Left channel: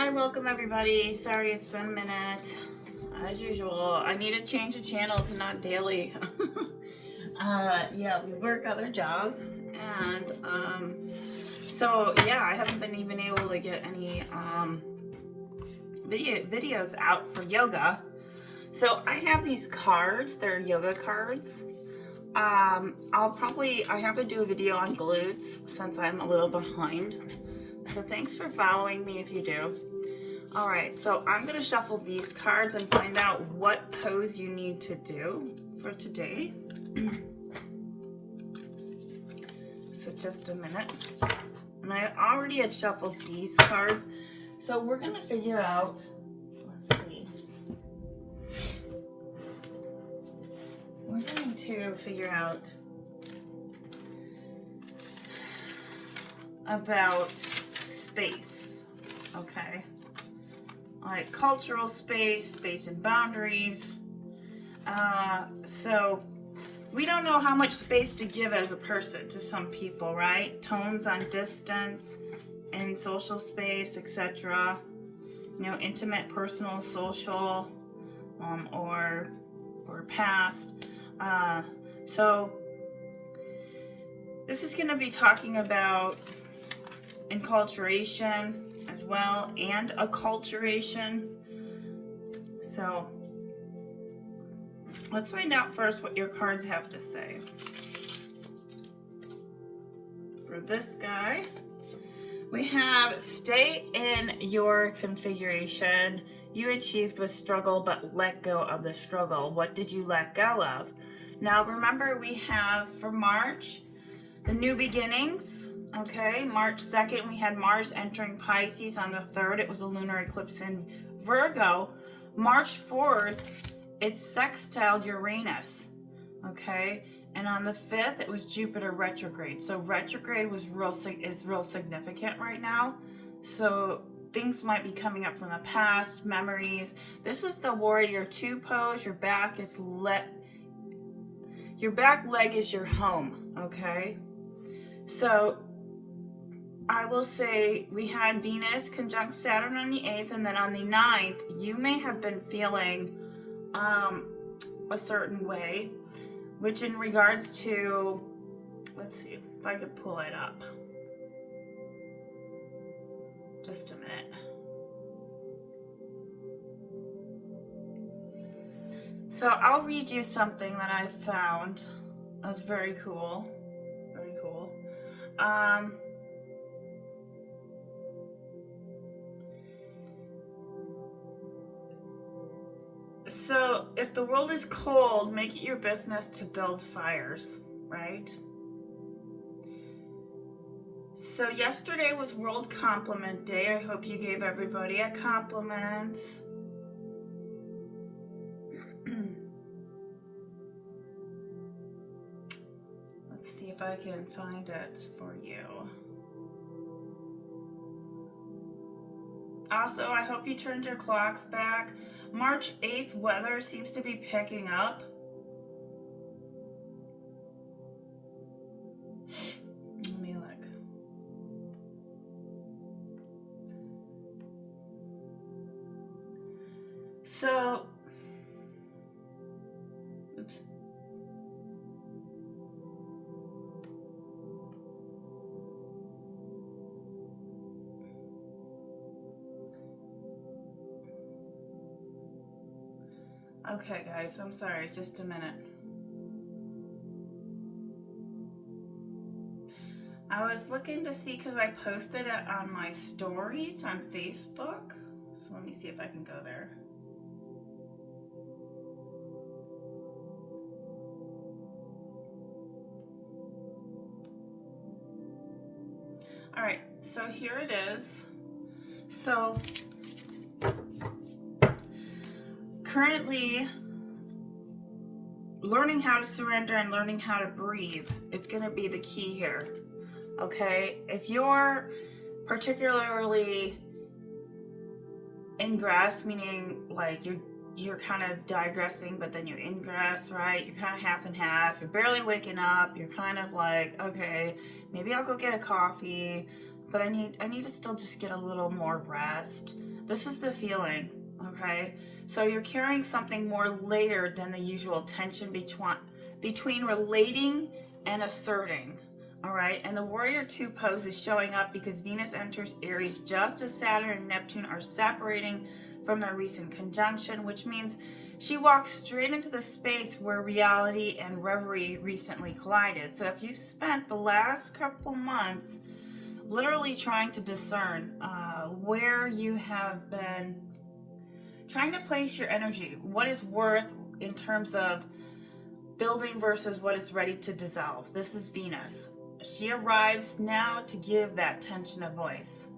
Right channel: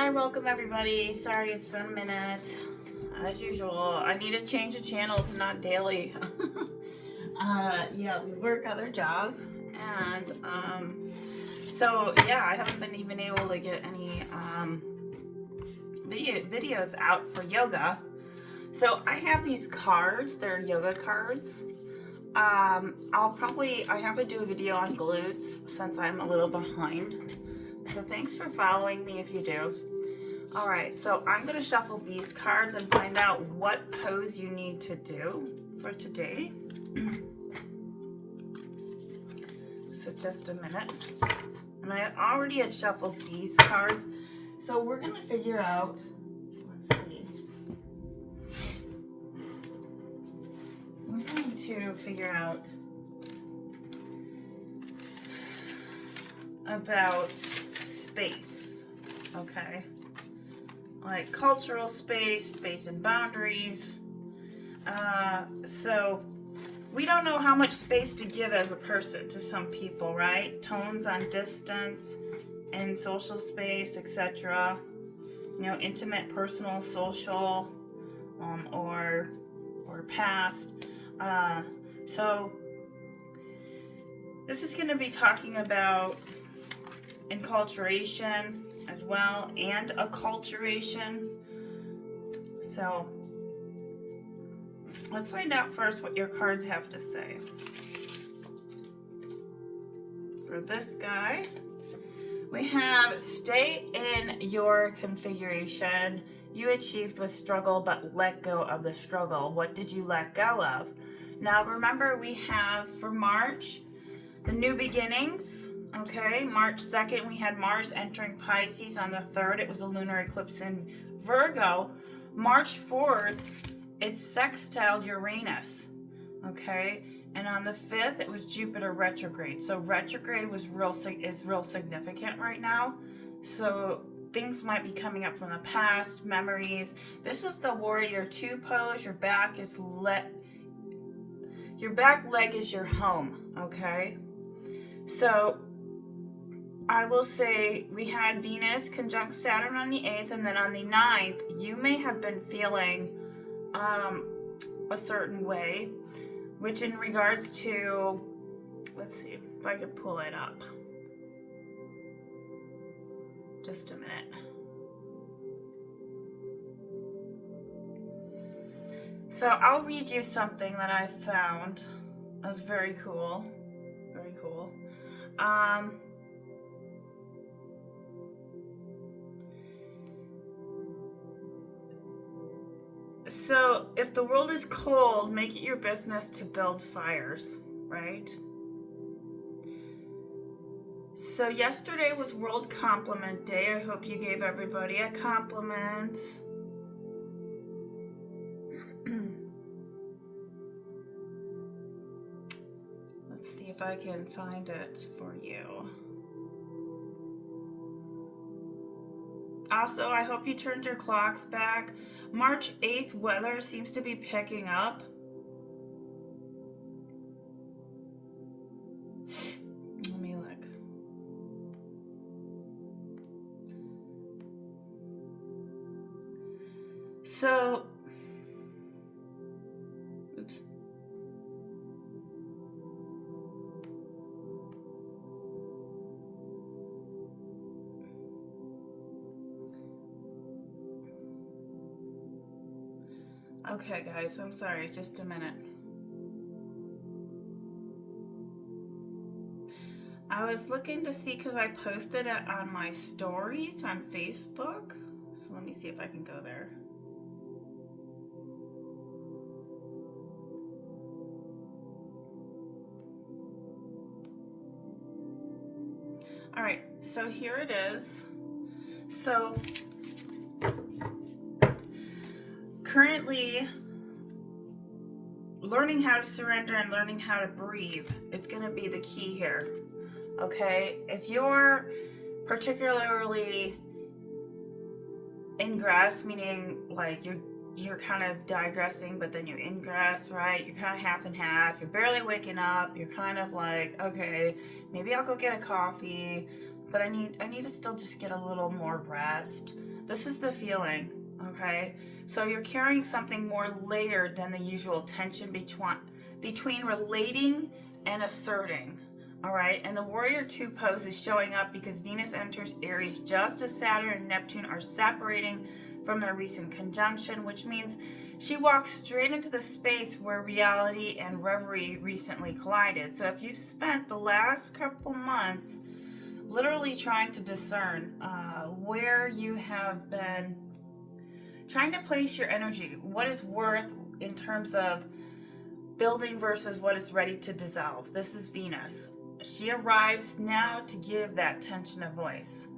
Hi, welcome everybody. Sorry it's been a minute. As usual, I need to change the channel to not daily. Yeah, we work other jobs, and so yeah, I haven't been even able to get any videos out for yoga. So I have these cards. They're yoga cards. I have to do a video on glutes since I'm a little behind. So thanks for following me if you do. All right, so I'm gonna shuffle these cards and find out what pose you need to do for today. So just a minute. And I already had shuffled these cards. So we're gonna figure out, let's see. We're going to figure out about space, okay? Like cultural space, space and boundaries. So we don't know how much space to give as a person to some people, right? Tones on distance and social space, etc. You know, intimate, personal, social, or past. So this is going to be talking about enculturation as well, and acculturation. So let's find out first what your cards have to say. For this guy, we have stay in your configuration you achieved with struggle, but let go of the struggle. What did you let go of? Now remember, we have for March, the new beginnings. Okay, March 2nd, we had Mars entering Pisces. On the 3rd, it was a lunar eclipse in Virgo. March 4th, it's sextiled Uranus. Okay, and on the 5th, it was Jupiter retrograde. So retrograde is real significant right now. So things might be coming up from the past, memories. This is the Warrior 2 pose. Your back leg is your home. Okay, so I will say we had Venus conjunct Saturn on the 8th, and then on the 9th, you may have been feeling a certain way, which in regards to, let's see if I can pull it up. Just a minute. So I'll read you something that I found. It was very cool. Very cool. So if the world is cold, make it your business to build fires, right? So yesterday was World Compliment Day. I hope you gave everybody a compliment. Let's see if I can find it for you. Also, I hope you turned your clocks back. March 8th, weather seems to be picking up. Let me look. So, oops. Okay, guys, I'm sorry, just a minute. I was looking to see because I posted it on my stories on Facebook. So let me see if I can go there. All right, so here it is. So currently, learning how to surrender and learning how to breathe is going to be the key here. Okay, if you're particularly ingress, meaning like you're kind of digressing, but then you're ingress, right? You're kind of half and half. You're barely waking up. You're kind of like, okay, maybe I'll go get a coffee, but I need to still just get a little more rest. This is the feeling, okay? So you're carrying something more layered than the usual tension between relating and asserting, all right? And the Warrior 2 pose is showing up because Venus enters Aries just as Saturn and Neptune are separating from their recent conjunction, which means she walks straight into the space where reality and reverie recently collided. So if you've spent the last couple months literally trying to discern where you have been trying to place your energy, what is worth in terms of building versus what is ready to dissolve. This is Venus. She arrives now to give that tension a voice.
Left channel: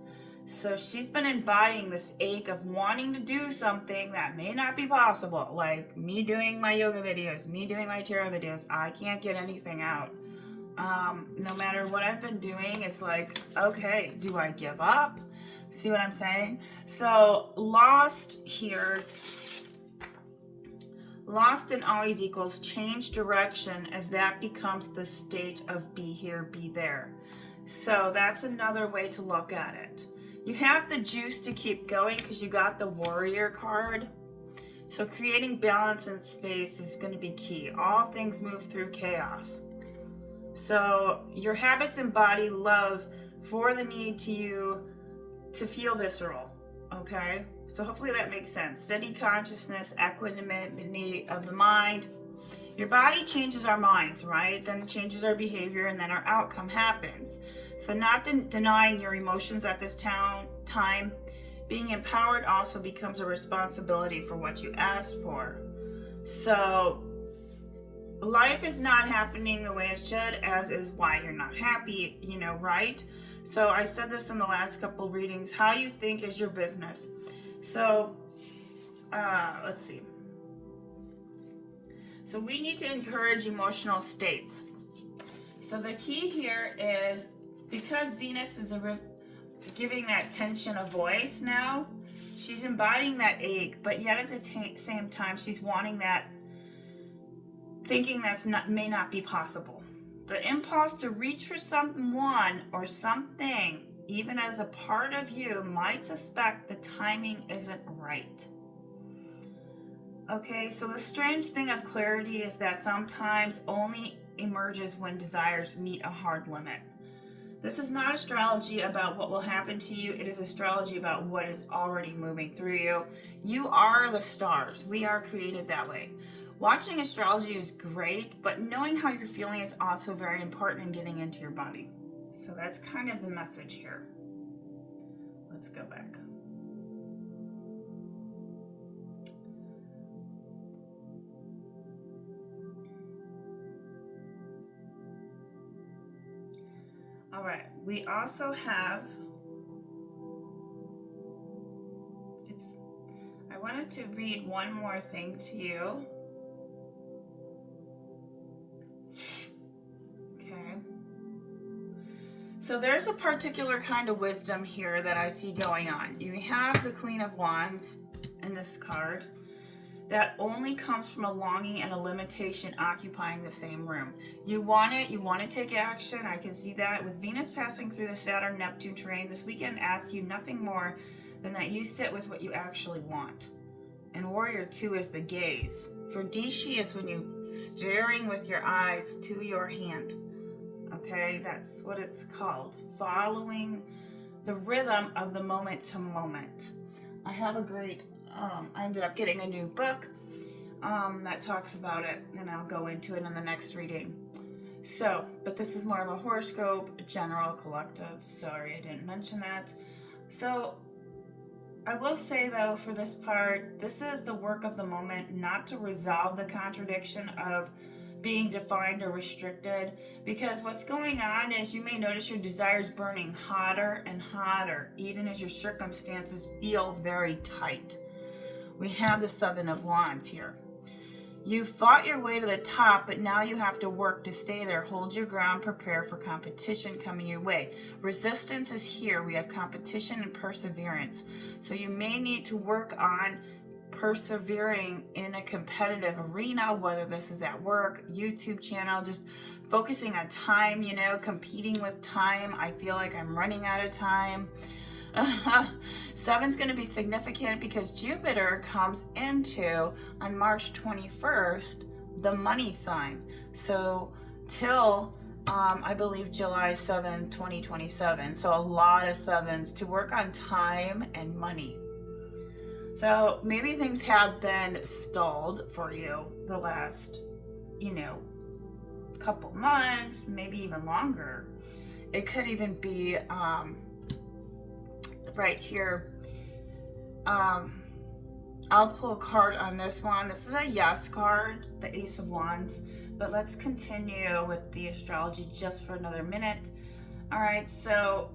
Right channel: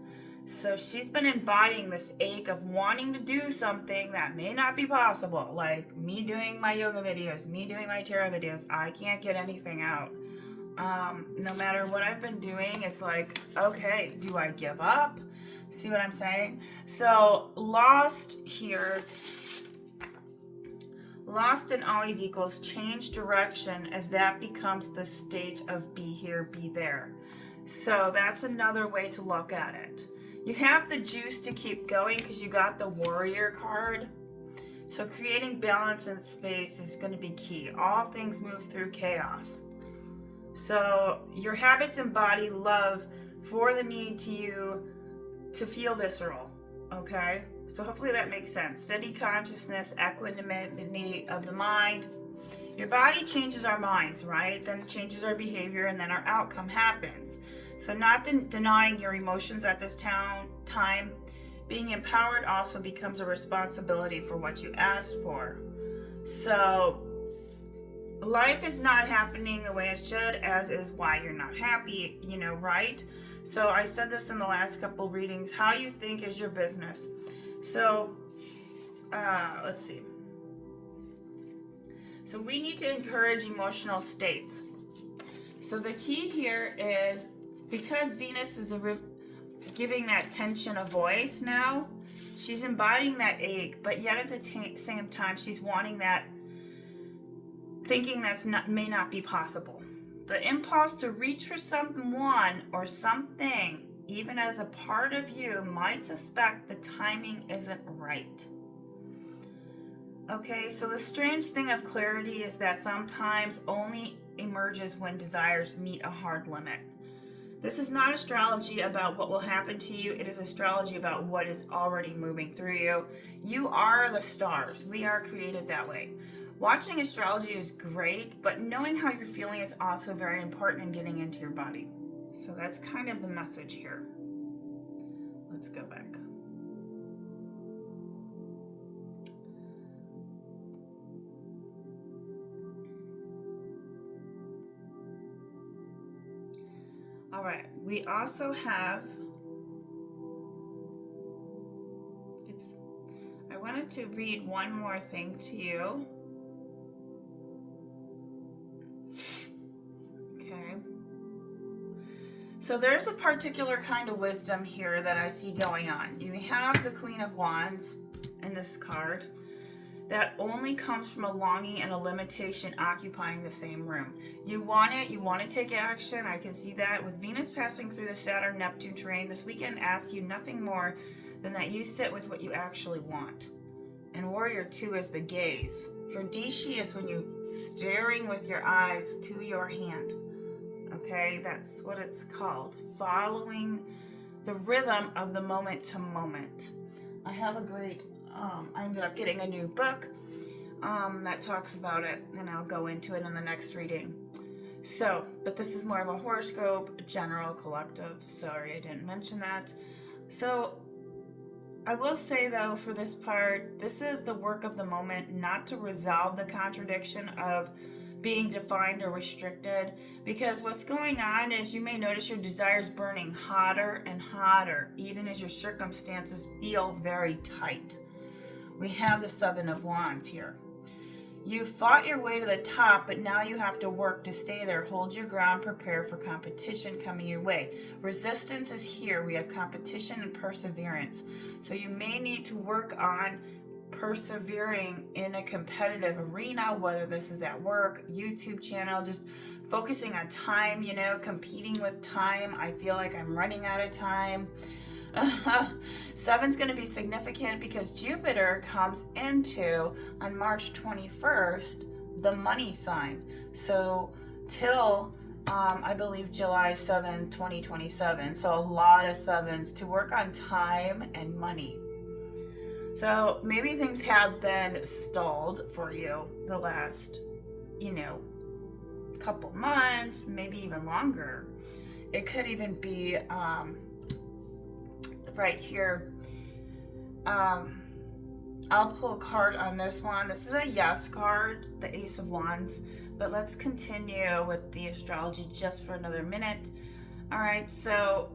So she's been embodying this ache of wanting to do something that may not be possible, like me doing my yoga videos, me doing my tarot videos. I can't get anything out. No matter what I've been doing, it's like, okay, do I give up? See what I'm saying? So lost here, lost and always equals change direction, as that becomes the state of be here, be there. So that's another way to look at it. You have the juice to keep going because you got the Warrior card. So creating balance and space is going to be key. All things move through chaos. So your habits embody love for the need to feel visceral, okay? So hopefully that makes sense. Steady consciousness, equanimity of the mind. Your body changes our minds, right? Then it changes our behavior, and then our outcome happens. So not denying your emotions at this time. Being empowered also becomes a responsibility for what you asked for. So life is not happening the way it should, as is why you're not happy, right? So I said this in the last couple readings. How you think is your business. So let's see. So we need to encourage emotional states. So the key here is, because Venus is giving that tension a voice now, she's embodying that ache, but yet at the same time, she's wanting that, thinking may not be possible. The impulse to reach for someone or something, even as a part of you, might suspect the timing isn't right. Okay, so the strange thing of clarity is that sometimes only emerges when desires meet a hard limit. This is not astrology about what will happen to you. It is astrology about what is already moving through you. You are the stars. We are created that way. Watching astrology is great, but knowing how you're feeling is also very important in getting into your body. So that's kind of the message here. Let's go back. All right, we also have, I wanted to read one more thing to you. Okay. So there's a particular kind of wisdom here that I see going on. You have the Queen of Wands in this card. That only comes from a longing and a limitation occupying the same room. You want it, you want to take action. I can see that. With Venus passing through the Saturn-Neptune terrain, this weekend asks you nothing more than that you sit with what you actually want. And Warrior 2 is the gaze. Dradishi is when you're staring with your eyes to your hand. Okay, that's what it's called. Following the rhythm of the moment to moment. I have a great I ended up getting a new book that talks about it, and I'll go into it in the next reading. So, but this is more of a horoscope, general, collective. Sorry, I didn't mention that. So, I will say though, for this part, this is the work of the moment, not to resolve the contradiction of being defined or restricted, because what's going on is you may notice your desires burning hotter and hotter, even as your circumstances feel very tight. We have the Seven of Wands here. You fought your way to the top, but now you have to work to stay there. Hold your ground, prepare for competition coming your way. Resistance is here. We have competition and perseverance. So you may need to work on persevering in a competitive arena, whether this is at work, YouTube channel, just focusing on time, competing with time. I feel like I'm running out of time. Seven's going to be significant because Jupiter comes into, on March 21st, the money sign. So till, I believe, July 7, 2027. So a lot of sevens to work on time and money. So maybe things have been stalled for you the last, couple months, maybe even longer. It could even be right here. I'll pull a card on this one. This is a yes card, the Ace of Wands. But let's continue with the astrology just for another minute. All right, so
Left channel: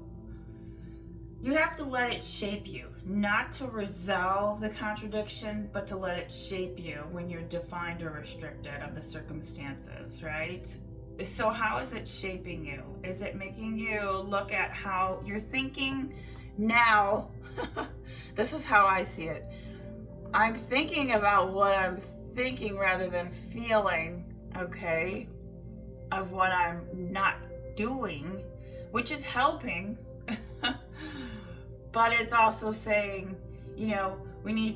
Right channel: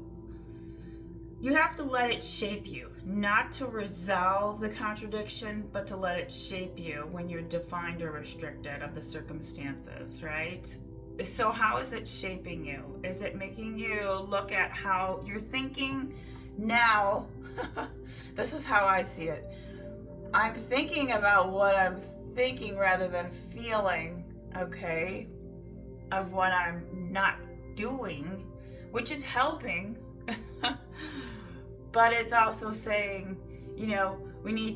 you have to let it shape you, not to resolve the contradiction, but to let it shape you when you're defined or restricted of the circumstances, right? So how is it shaping you? Is it making you look at how you're thinking now? This is how I see it. I'm thinking about what I'm thinking rather than feeling, okay, of what I'm not doing, which is helping. But it's also saying, we're going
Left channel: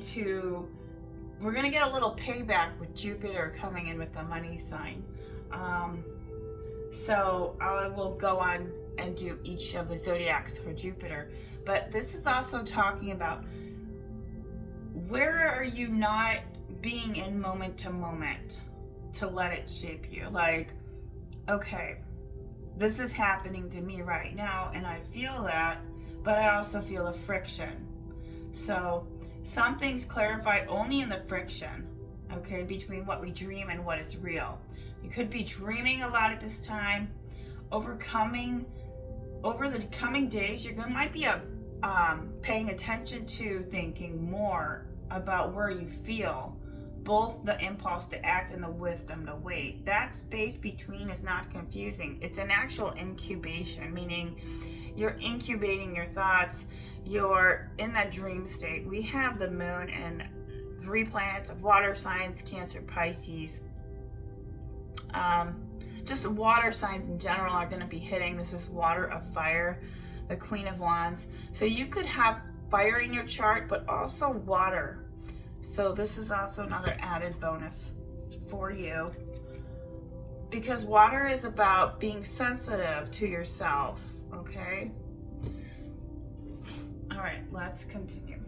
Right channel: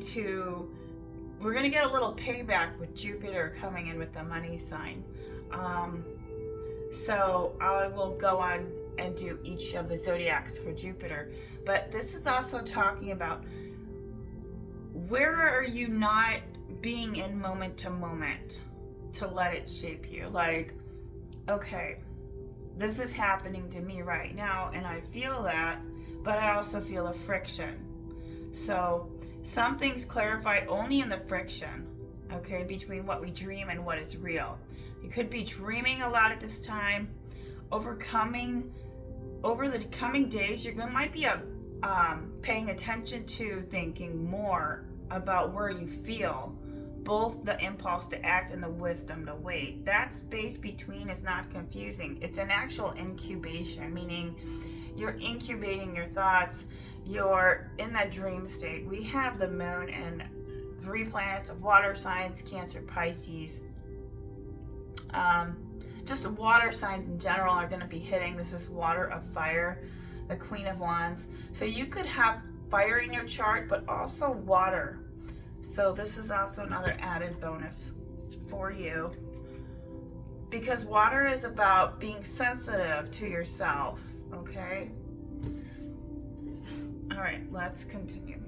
to get a little payback with Jupiter coming in with the money sign. So I will go on and do each of the zodiacs for Jupiter. But this is also talking about, where are you not being in moment to moment to let it shape you? Like, okay, this is happening to me right now and I feel that, but I also feel a friction. So some things clarify only in the friction, okay, between what we dream and what is real. You could be dreaming a lot at this time, over the coming days, you might be paying attention to thinking more about where you feel, both the impulse to act and the wisdom to wait. That space between is not confusing. It's an actual incubation, meaning you're incubating your thoughts. You're in that dream state. We have the moon and 3 planets of water signs, Cancer, Pisces. Just water signs in general are going to be hitting. This is water of fire, the Queen of Wands. So you could have fire in your chart, but also water. So this is also another added bonus for you, because water is about being sensitive to yourself, okay? All right, let's continue.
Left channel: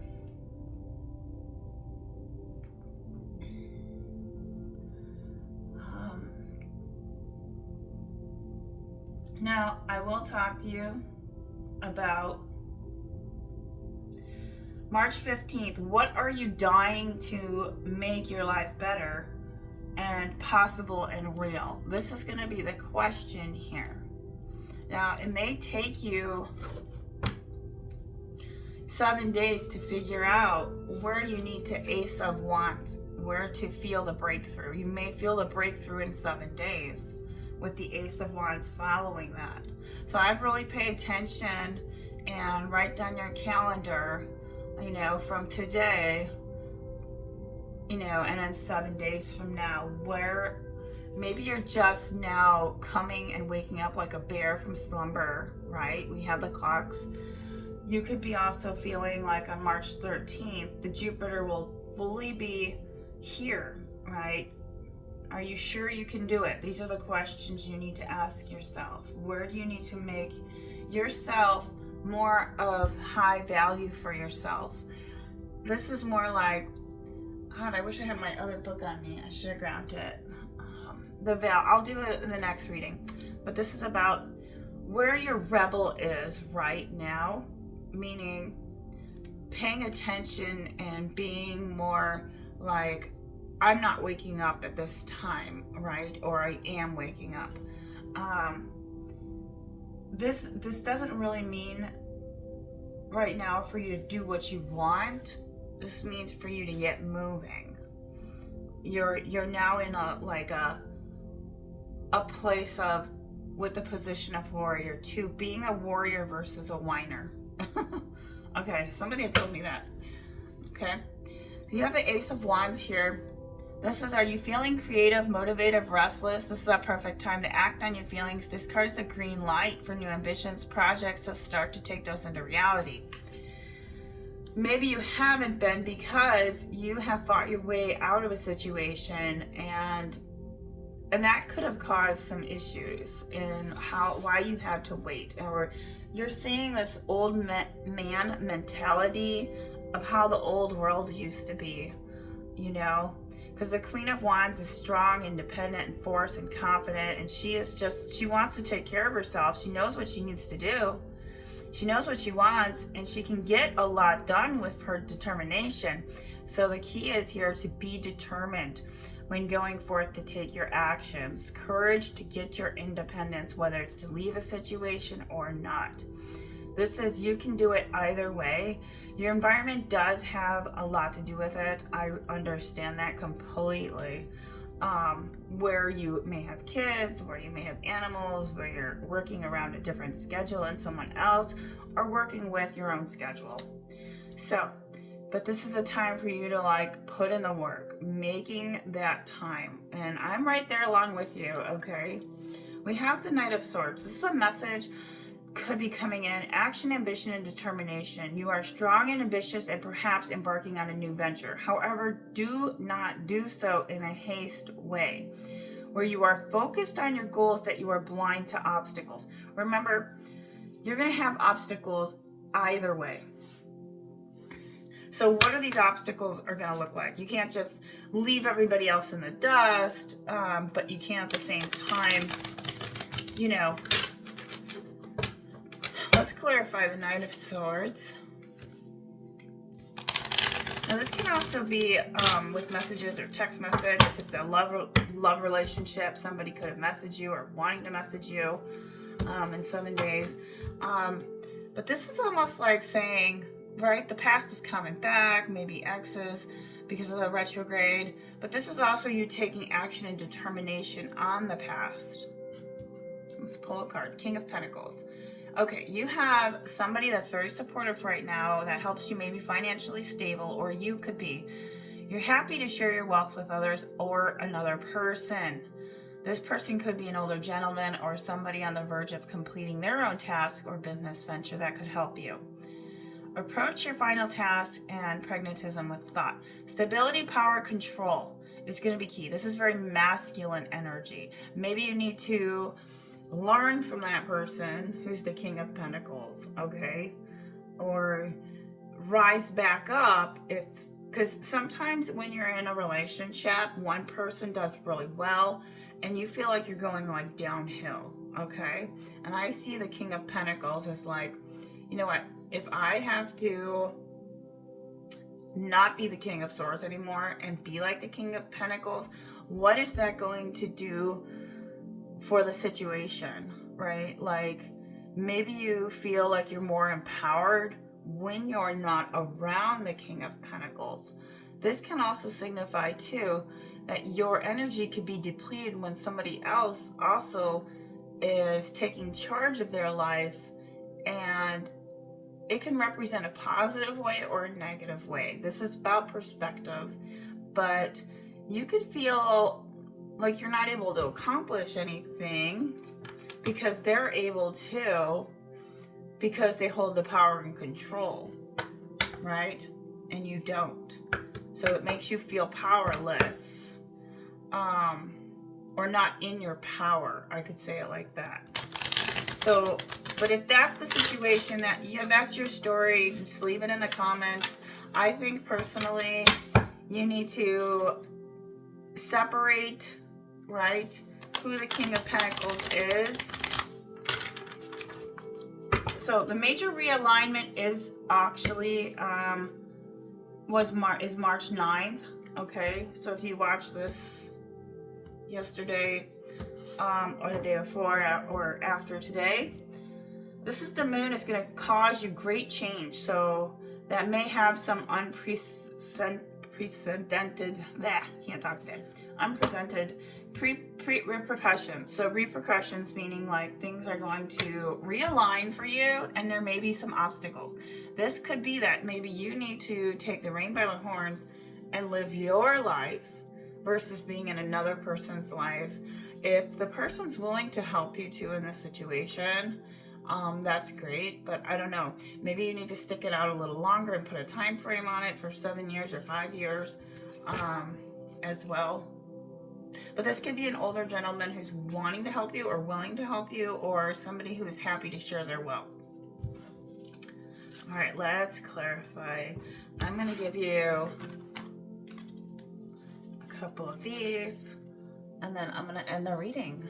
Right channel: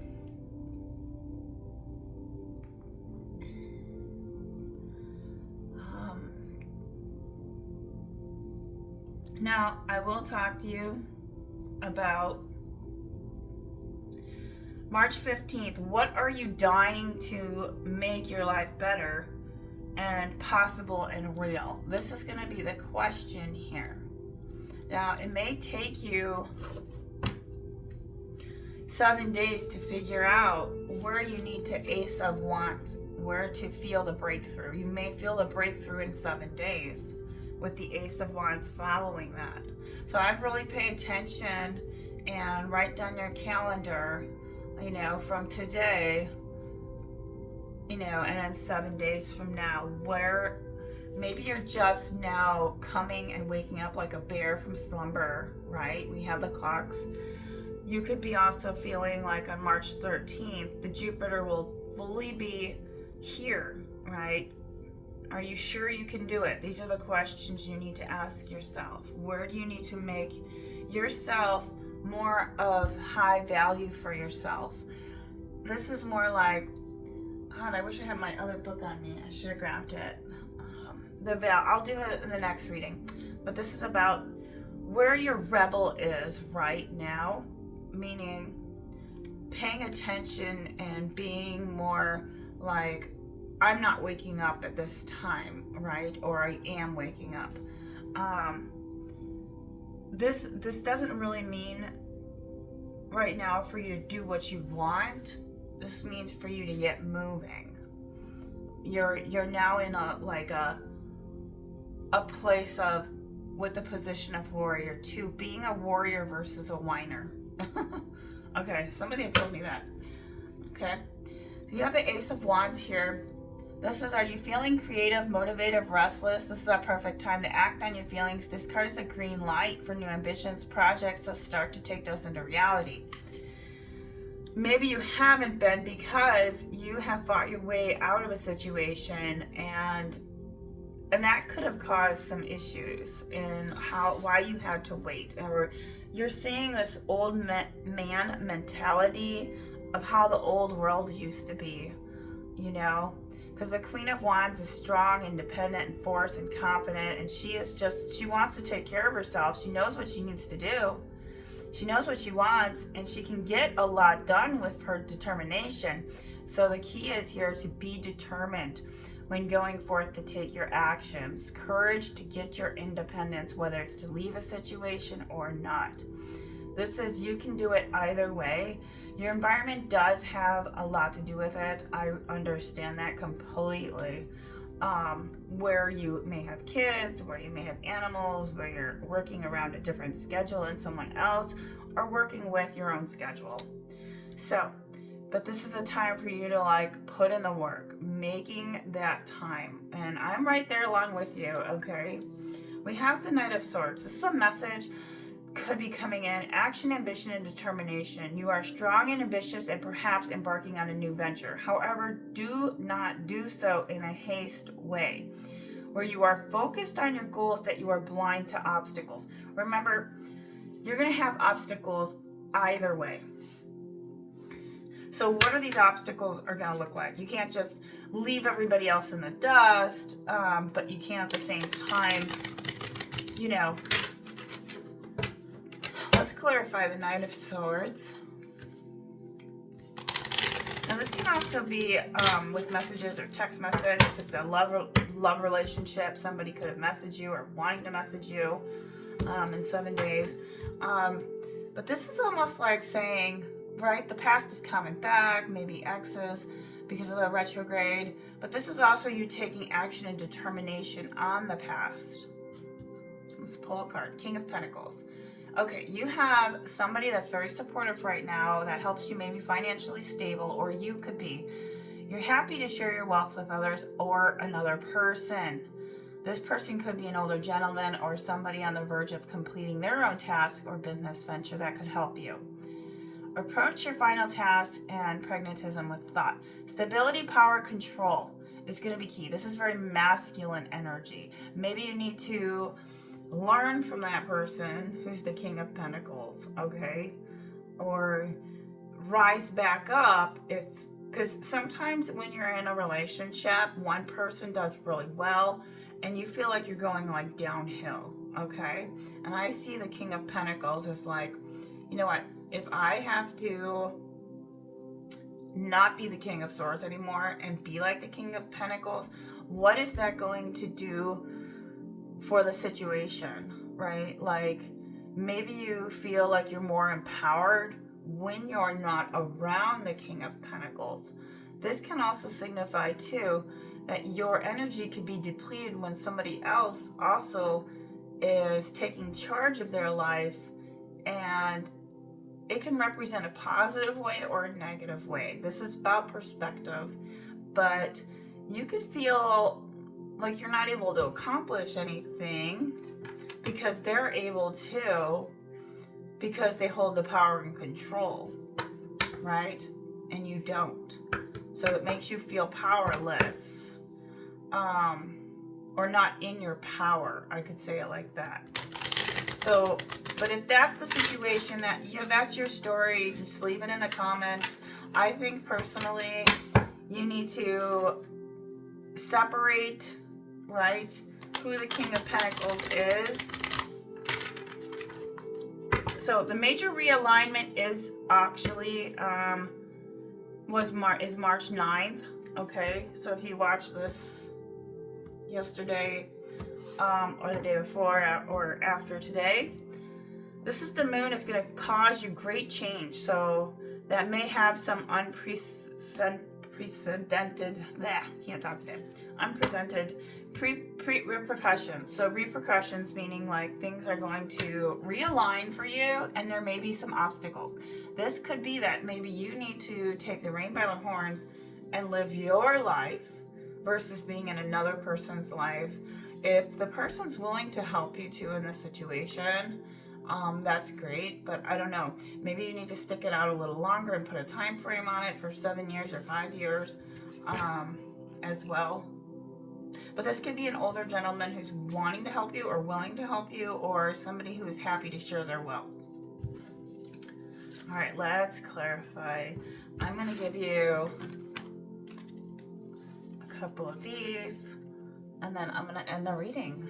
Now, I will talk to you about March 15th. What are you dying to make your life better and possible and real? This is going to be the question here. Now, it may take you 7 days to figure out where you need to Ace of Wands, where to feel the breakthrough. You may feel the breakthrough in 7 days with the Ace of Wands following that. So I'd really pay attention and write down your calendar, from today, and then 7 days from now, where maybe you're just now coming and waking up like a bear from slumber, right? We have the clocks. You could be also feeling like on March 13th, the Jupiter will fully be here, right? Are you sure you can do it? These are the questions you need to ask yourself. Where do you need to make yourself more of high value for yourself? This is more like, God, I wish I had my other book on me. I should have grabbed it. The veil. I'll do it in the next reading. But this is about where your rebel is right now, meaning paying attention and being more like, I'm not waking up at this time, right? Or I am waking up. This doesn't really mean right now for you to do what you want. This means for you to get moving. You're now in a place of, with the position of warrior, to being a warrior versus a whiner. Okay, somebody had told me that. Okay, so you have the Ace of Wands here. This is, are you feeling creative, motivated, restless? This is a perfect time to act on your feelings. This card is a green light for new ambitions, projects, so start to take those into reality. maybe you haven't been because you have fought your way out of a situation, and that could have caused some issues in why you had to wait. Or you're seeing this old man mentality of how the old world used to be, you know, because the Queen of Wands is strong, independent, and forced and confident, and she wants to take care of herself. She knows what she needs to do. She knows what she wants, and she can get a lot done with her determination. So the key is here to be determined when going forth to take your actions. Courage to get your independence, whether it's to leave a situation or not. This says you can do it either way. Your environment does have a lot to do with it. I understand that completely. Where you may have kids, where you may have animals, where you're working around a different schedule than someone else, or working with your own schedule. So, but this is a time for you to like put in the work, making that time. And I'm right there along with you, okay? We have the Knight of Swords. This is a message could be coming in. Action, ambition, and determination. You are strong and ambitious and perhaps embarking on a new venture. However, do not do so in a haste way, where you are focused on your goals, that you are blind to obstacles. Remember, you're going to have obstacles either way. So what are these obstacles are going to look like? You can't just leave everybody else in the dust, but you can't at the same time, you know. Let's clarify the Knight of Swords. Now this can also be with messages or text message. If it's a love relationship, somebody could have messaged you or wanting to message you in 7 days. But this is almost like saying, right, the past is coming back, maybe exes because of the retrograde. But this is also you taking action and determination on the past. Let's pull a card. King of Pentacles. Okay, you have somebody that's very supportive right now that helps you maybe financially stable, or you could be. You're happy to share your wealth with others or another person. This person could be an older gentleman or somebody on the verge of completing their own task or business venture that could help you. Approach your final task and pragmatism with thought. Stability, power, control is going to be key. This is very masculine energy. Maybe you need to learn from that person who's the King of Pentacles, okay? Or rise back up, because sometimes when you're in a relationship, one person does really well and you feel like you're going like downhill, okay? And I see the King of Pentacles as like, you know what, if I have to not be the King of Swords anymore and be like the King of Pentacles, what is that going to do for the situation, right? Like maybe you feel like you're more empowered when you're not around the King of Pentacles. This can also signify too that your energy could be depleted when somebody else also is taking charge of their life, and it can represent a positive way or a negative way. This is about perspective, but you could feel like you're not able to accomplish anything because they're able to, because they hold the power and control, right? And you don't. So it makes you feel powerless, or not in your power. I could say it like that. So, but if that's the situation, that, you know, that's your story, just leave it in the comments. I think personally, you need to separate, right, who the King of Pentacles is. So the major realignment is actually is March 9th. Okay, so if you watched this yesterday or the day before or after today, this is the moon. Is going to cause you great change. So that may have some unprecedented repercussions. So repercussions meaning like things are going to realign for you, and there may be some obstacles. This could be that maybe you need to take the rein by the horns and live your life versus being in another person's life. If the person's willing to help you too in this situation, That's great, but I don't know. Maybe you need to stick it out a little longer and put a time frame on it for 7 years or 5 years as well. But this could be an older gentleman who's wanting to help you or willing to help you, or somebody who is happy to share their wealth. All right, let's clarify. I'm going to give you a couple of these, and then I'm going to end the reading.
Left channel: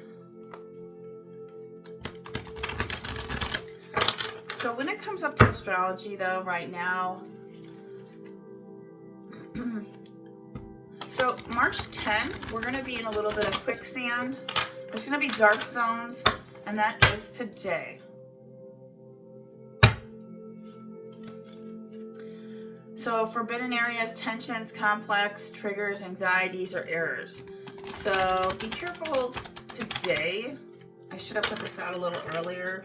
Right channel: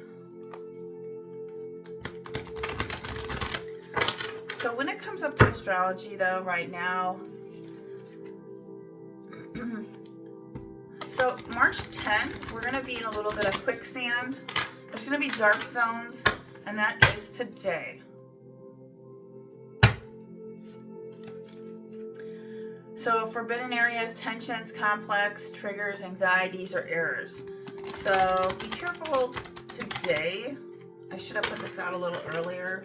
So when it comes up to astrology, though, right now, so March 10th, we're going to be in a little bit of quicksand. There's going to be dark zones, and that is today. So forbidden areas, tensions, complex, triggers, anxieties, or errors. So be careful today. I should have put this out a little earlier.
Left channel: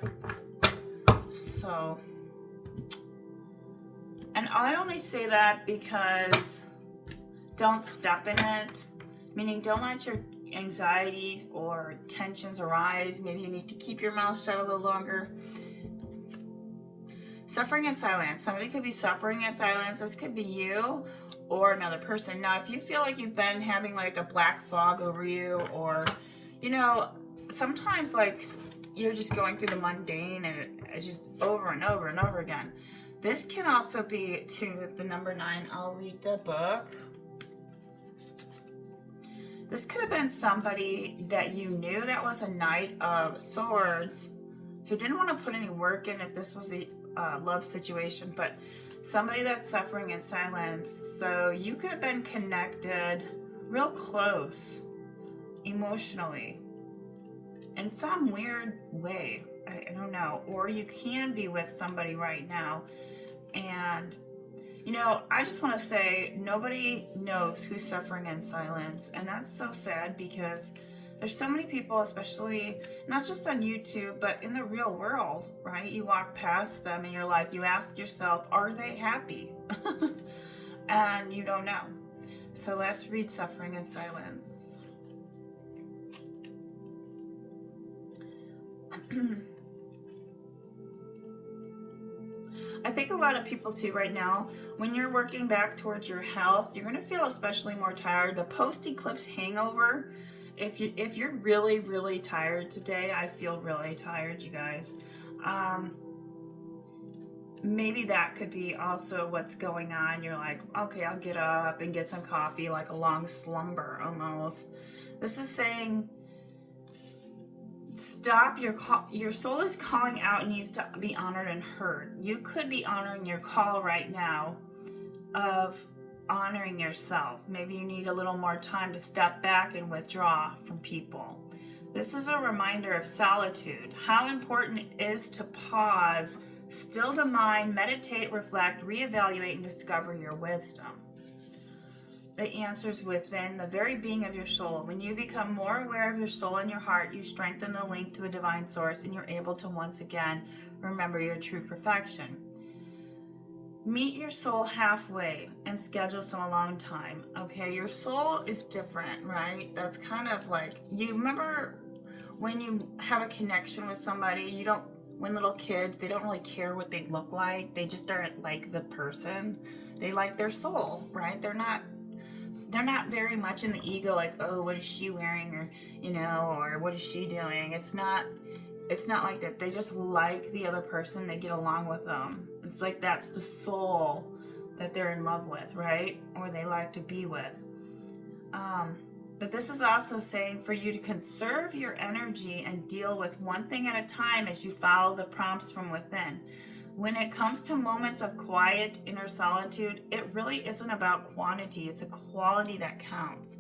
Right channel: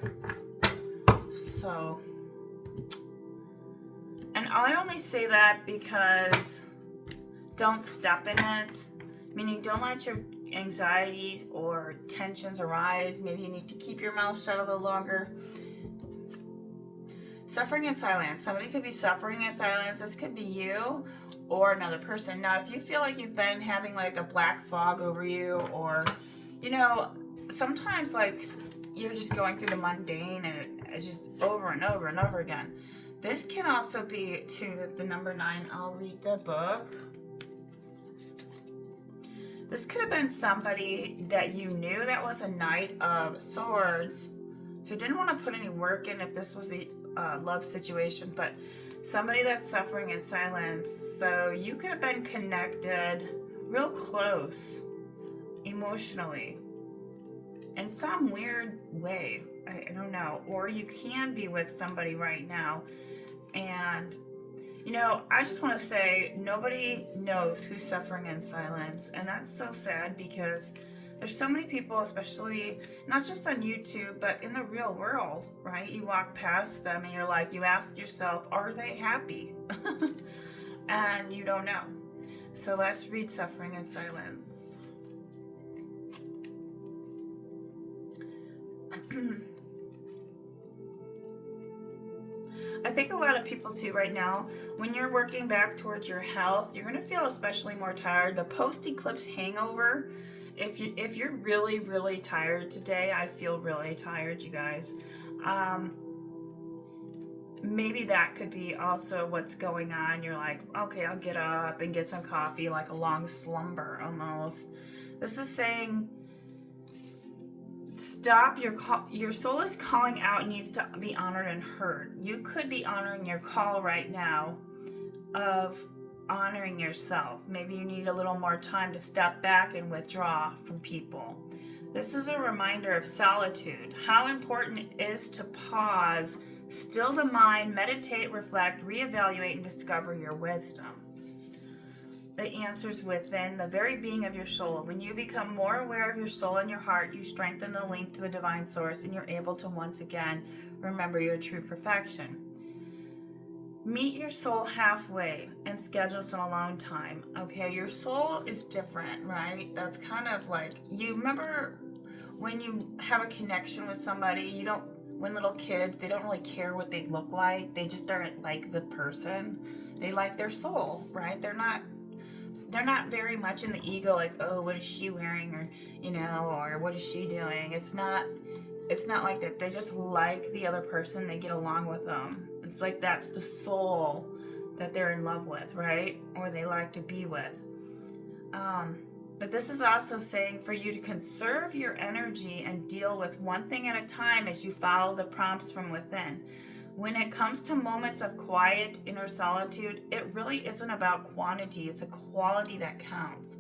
So, and I only say that because don't step in it, meaning don't let your anxieties or tensions arise. Maybe you need to keep your mouth shut a little longer. Suffering in silence. Somebody could be suffering in silence. This could be you or another person. Now, if you feel like you've been having like a black fog over you, or, you know, sometimes like you're just going through the mundane and it's just over and over and over again. This can also be to the number 9. I'll read the book. This could have been somebody that you knew that was a Knight of Swords who didn't want to put any work in if this was a love situation, but somebody that's suffering in silence. So you could have been connected real close emotionally in some weird way. I don't know. Or you can be with somebody right now. And, you know, I just want to say nobody knows who's suffering in silence. And that's so sad because there's so many people, especially not just on YouTube, but in the real world, right? You walk past them and you're like, you ask yourself, are they happy? And you don't know. So let's read Suffering in Silence. I think a lot of people too right now, when you're working back towards your health, you're going to feel especially more tired. The post-eclipse hangover, if you're really, really tired today, I feel really tired, you guys. Maybe that could be also what's going on. You're like, okay, I'll get up and get some coffee, like a long slumber almost. This is saying, stop. Your soul is calling out and needs to be honored and heard. You could be honoring your call right now of honoring yourself. Maybe you need a little more time to step back and withdraw from people. This is a reminder of solitude, how important it is to pause, still the mind, meditate, reflect, reevaluate, and discover your wisdom. The answers within the very being of your soul. When you become more aware of your soul and your heart, you strengthen the link to the divine source, and you're able to once again remember your true perfection. Meet your soul halfway and schedule some alone time. Okay, your soul is different, right? That's kind of like, you remember when you have a connection with somebody, when little kids, they don't really care what they look like. They just aren't like the person. They like their soul, right? They're not very much in the ego, like, oh, what is she wearing, or, you know, or what is she doing? It's not like that. They just like the other person. They get along with them. It's like that's the soul that they're in love with, right? Or they like to be with. But this is also saying for you to conserve your energy and deal with one thing at a time as you follow the prompts from within. When it comes to moments of quiet inner solitude, it really isn't about quantity. It's a quality that counts.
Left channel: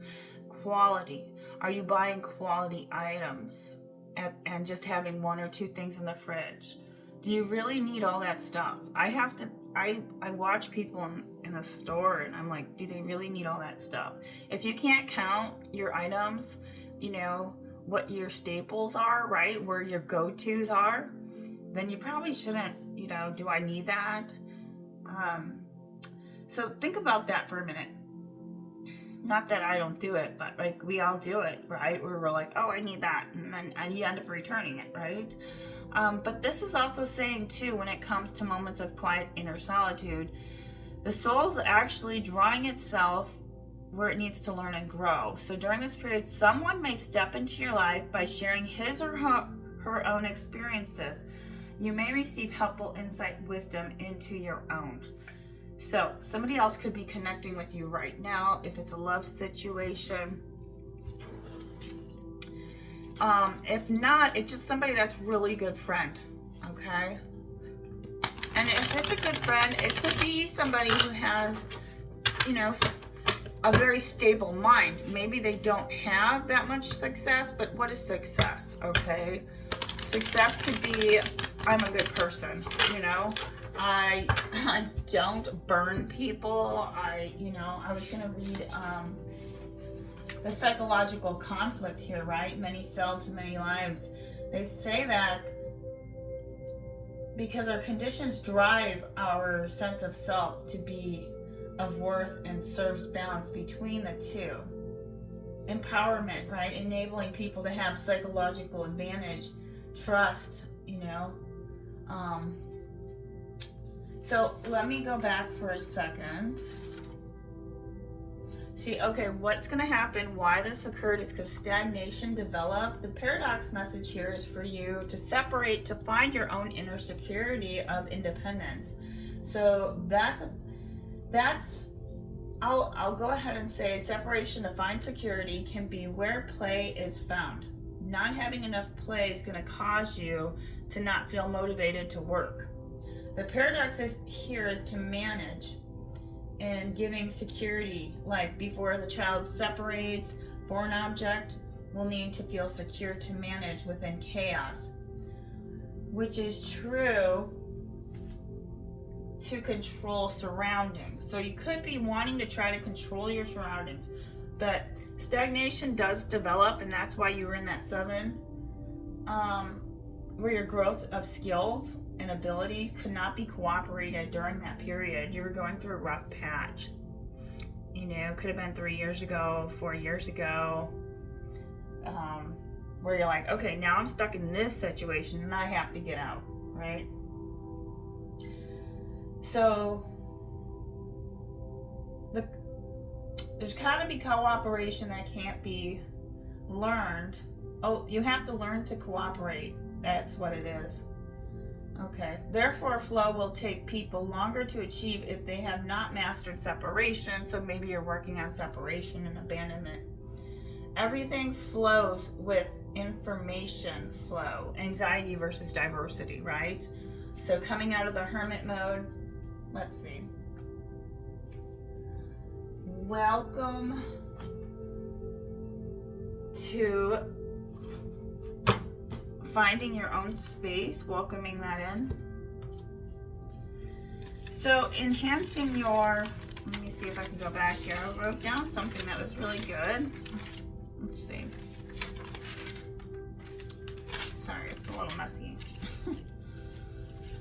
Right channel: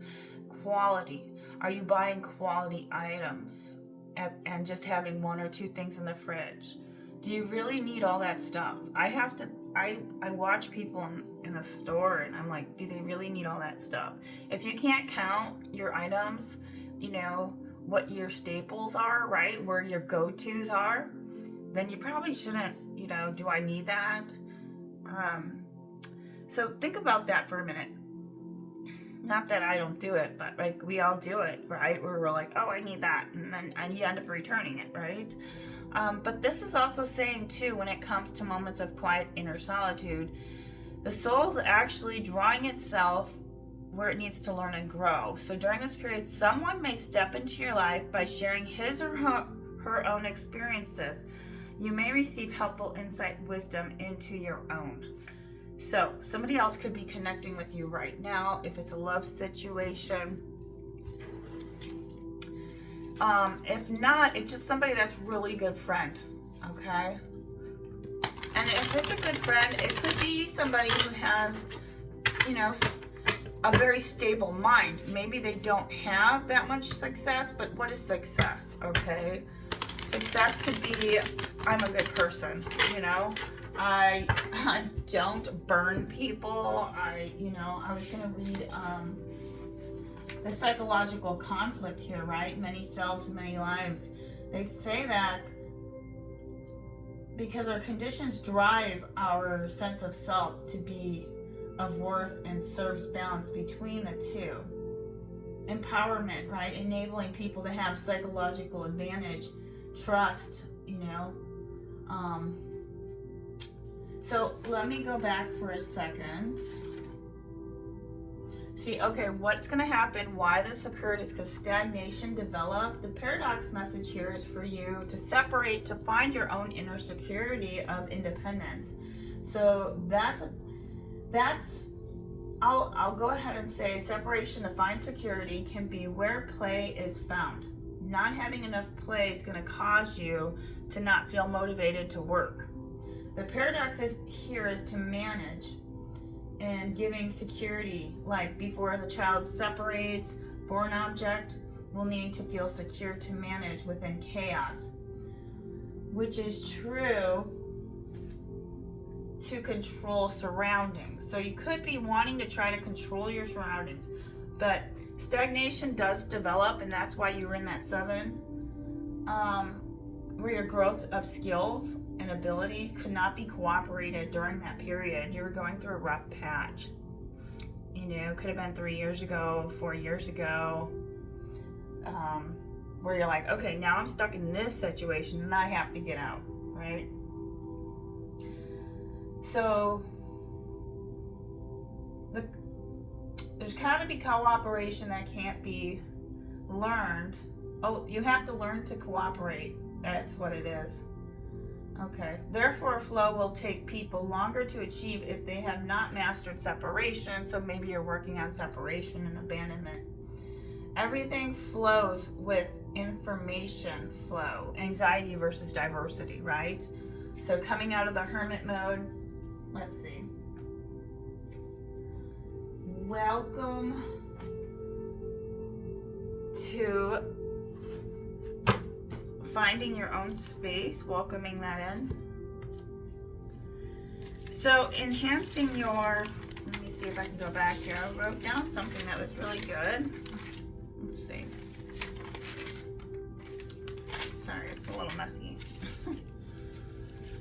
Quality. Are you buying quality items and just having 1 or 2 things in the fridge? Do you really need all that stuff? I watch people in the store and I'm like, do they really need all that stuff? If you can't count your items, you know, what your staples are, right? Where your go-tos are, then you probably shouldn't, you know, do I need that? So think about that for a minute. Not that I don't do it, but like we all do it, right? Where we're like, oh, I need that. And then you end up returning it, right? But this is also saying too, when it comes to moments of quiet inner solitude, the soul's actually drawing itself where it needs to learn and grow. So during this period, someone may step into your life by sharing his or her own experiences. You may receive helpful insight, wisdom into your own. So somebody else could be connecting with you right now if it's a love situation. If not, it's just somebody that's really good friend, okay? And if it's a good friend, it could be somebody who has, you know, a very stable mind. Maybe they don't have that much success, but what is success, okay? Success could be, I'm a good person, you know? I don't burn people. I was gonna read the psychological conflict here, right? Many selves, many lives. They say that because our conditions drive our sense of self to be of worth and serves balance between the two. Empowerment, right? Enabling people to have psychological advantage, trust, you know. So let me go back for a second. See, okay, what's going to happen, why this occurred is because stagnation developed. The paradox message here is for you to separate, to find your own inner security of independence. So I'll go ahead and say separation to find security can be where play is found. Not having enough play is going to cause you to not feel motivated to work. The paradox here is to manage and giving security, like before the child separates, foreign object will need to feel secure to manage within chaos, which is true to control surroundings. So you could be wanting to try to control your surroundings, but stagnation does develop, and that's why you were in that 7, where your growth of skills and abilities could not be cooperated during that period. You were going through a rough patch. You know, could have been 3 years ago, 4 years ago, where you're like, okay, now I'm stuck in this situation and I have to get out, right? So there's got to be cooperation that can't be learned. Oh, you have to learn to cooperate. That's what it is. Okay. Therefore, flow will take people longer to achieve if they have not mastered separation. So maybe you're working on separation and abandonment. Everything flows with information flow. Anxiety versus diversity, right? So coming out of the hermit mode, let's see. Welcome to finding your own space, welcoming that in. So enhancing your, let me see if I can go back here. I wrote down something that was really good. Let's see. Sorry, it's a little messy.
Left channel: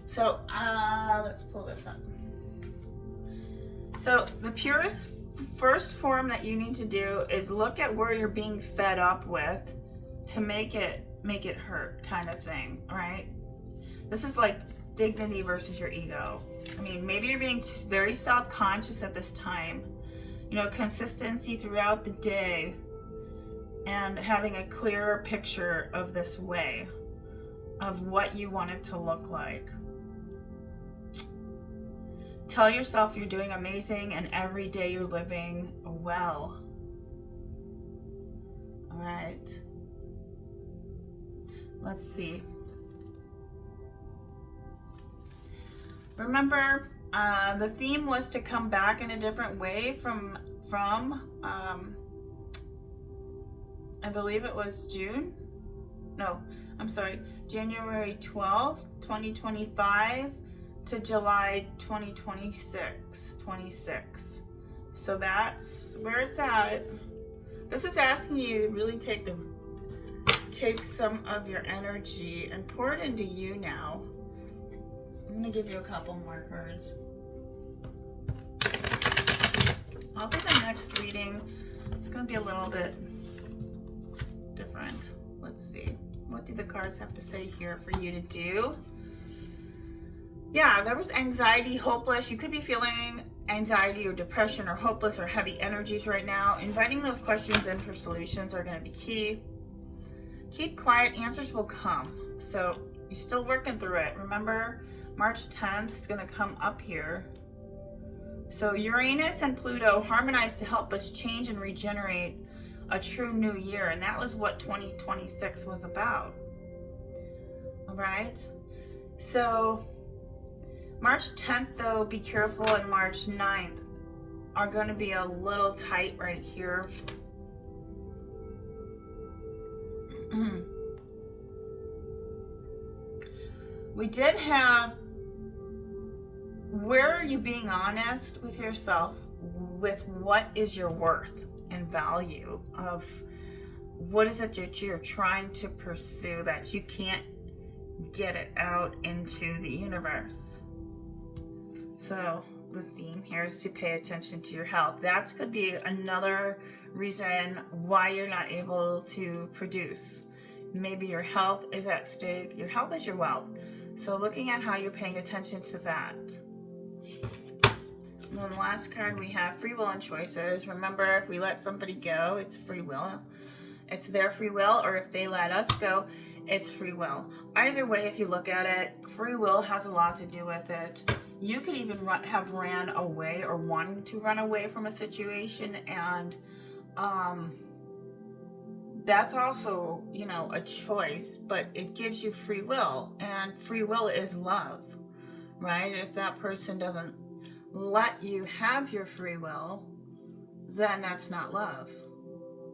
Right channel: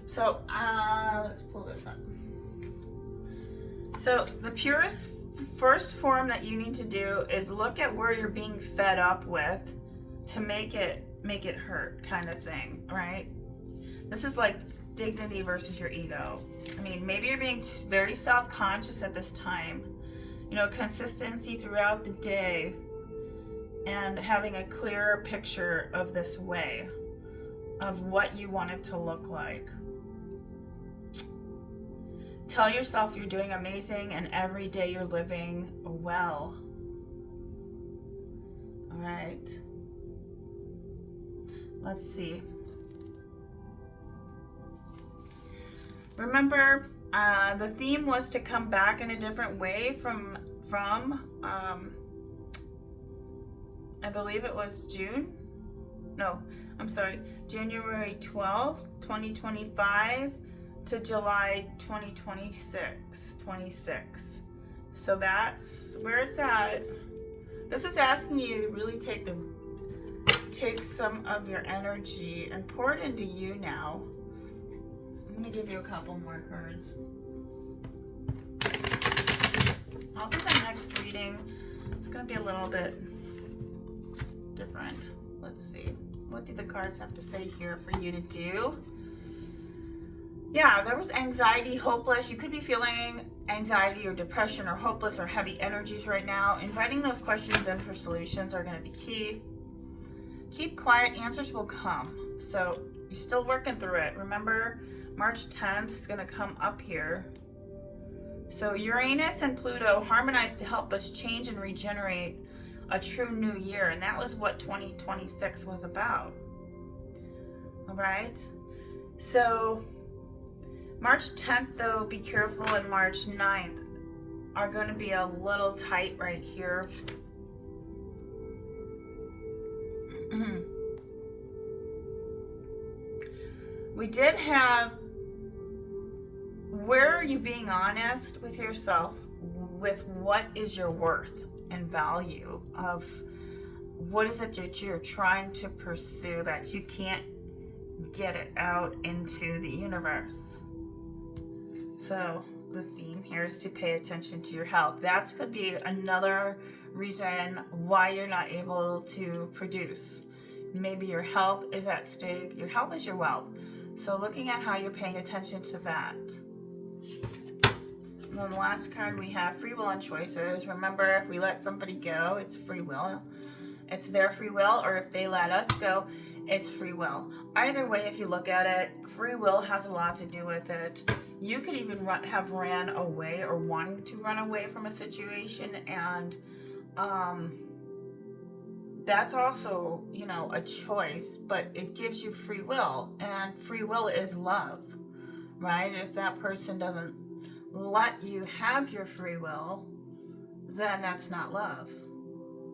So let's pull this up. So the purest first form that you need to do is look at where you're being fed up with to make it hurt, kind of thing, right? This is like dignity versus your ego. I mean, maybe you're being very self-conscious at this time. You know, consistency throughout the day and having a clearer picture of this way of what you want it to look like. Tell yourself you're doing amazing and every day you're living well. All right. Let's see. Remember, the theme was to come back in a different way from I believe it was January 12th, 2025 to July 26. So that's where it's at. This is asking you to really take some of your energy and pour it into you now. I'm going to give you a couple more cards. I'll do the next reading. It's going to be a little bit different. Let's see. What do the cards have to say here for you to do? Yeah, there was anxiety, hopeless. You could be feeling anxiety or depression or hopeless or heavy energies right now. Inviting those questions in for solutions are going to be key. Keep quiet, answers will come. So you're still working through it. Remember, March 10th is going to come up here. So Uranus and Pluto harmonize to help us change and regenerate a true new year. And that was what 2026 was about. All right. So March 10th, though, be careful, and March 9th are going to be a little tight right here. We did have, where are you being honest with yourself with what is your worth and value of what is it that you're trying to pursue that you can't get it out into the universe. So the theme here is to pay attention to your health. That could be another reason why you're not able to produce. Maybe your health is at stake. Your health is your wealth. So looking at how you're paying attention to that. And then the last card we have, free will and choices. Remember, if we let somebody go, it's free will. It's their free will, or if they let us go, it's free will. Either way, if you look at it, free will has a lot to do with it. You could even have ran away or wanting to run away from a situation, and that's also, you know, a choice, but it gives you free will, and free will is love, right? If that person doesn't let you have your free will, then that's not love,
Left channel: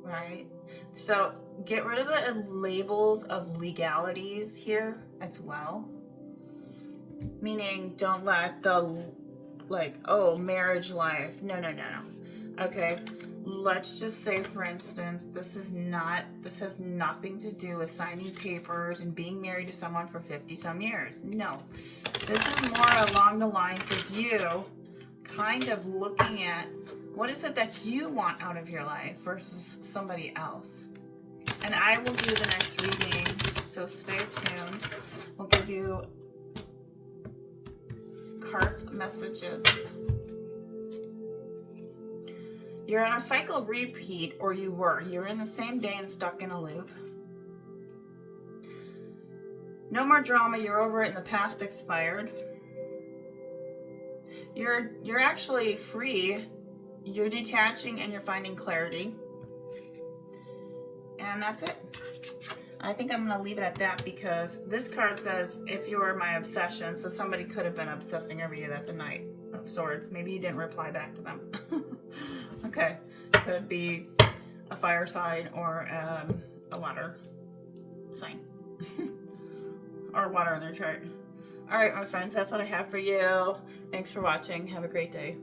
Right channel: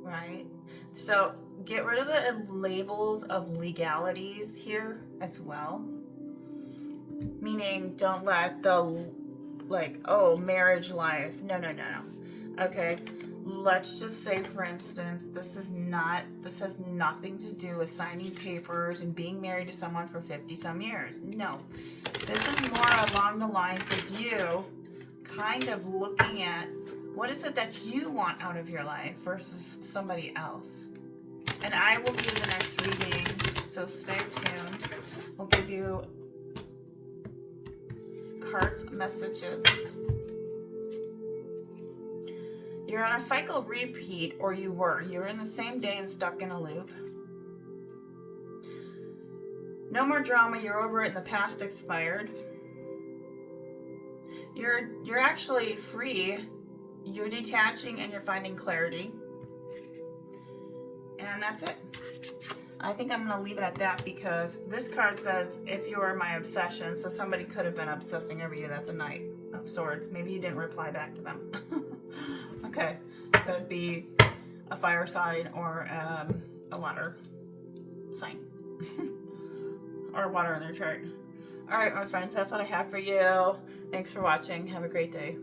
right? So get rid of the labels of legalities here as well. Meaning, don't let the, like, oh, marriage life. No. Okay, let's just say, for instance, this has nothing to do with signing papers and being married to someone for 50 some years. No, this is more along the lines of you kind of looking at what is it that you want out of your life versus somebody else. And I will do the next reading, so stay tuned. We'll give you cards, messages. You're on a cycle repeat, or you were. You're in the same day and stuck in a loop. No more drama. You're over it and the past expired. You're actually free. You're detaching and you're finding clarity. And that's it. I think I'm going to leave it at that because this card says, if you were my obsession, so somebody could have been obsessing over you. That's a Knight of Swords. Maybe you didn't reply back to them. Okay. Could be a fire sign or a water sign. Or water in their chart. All right, my friends, that's what I have for you. Thanks for watching. Have a great day.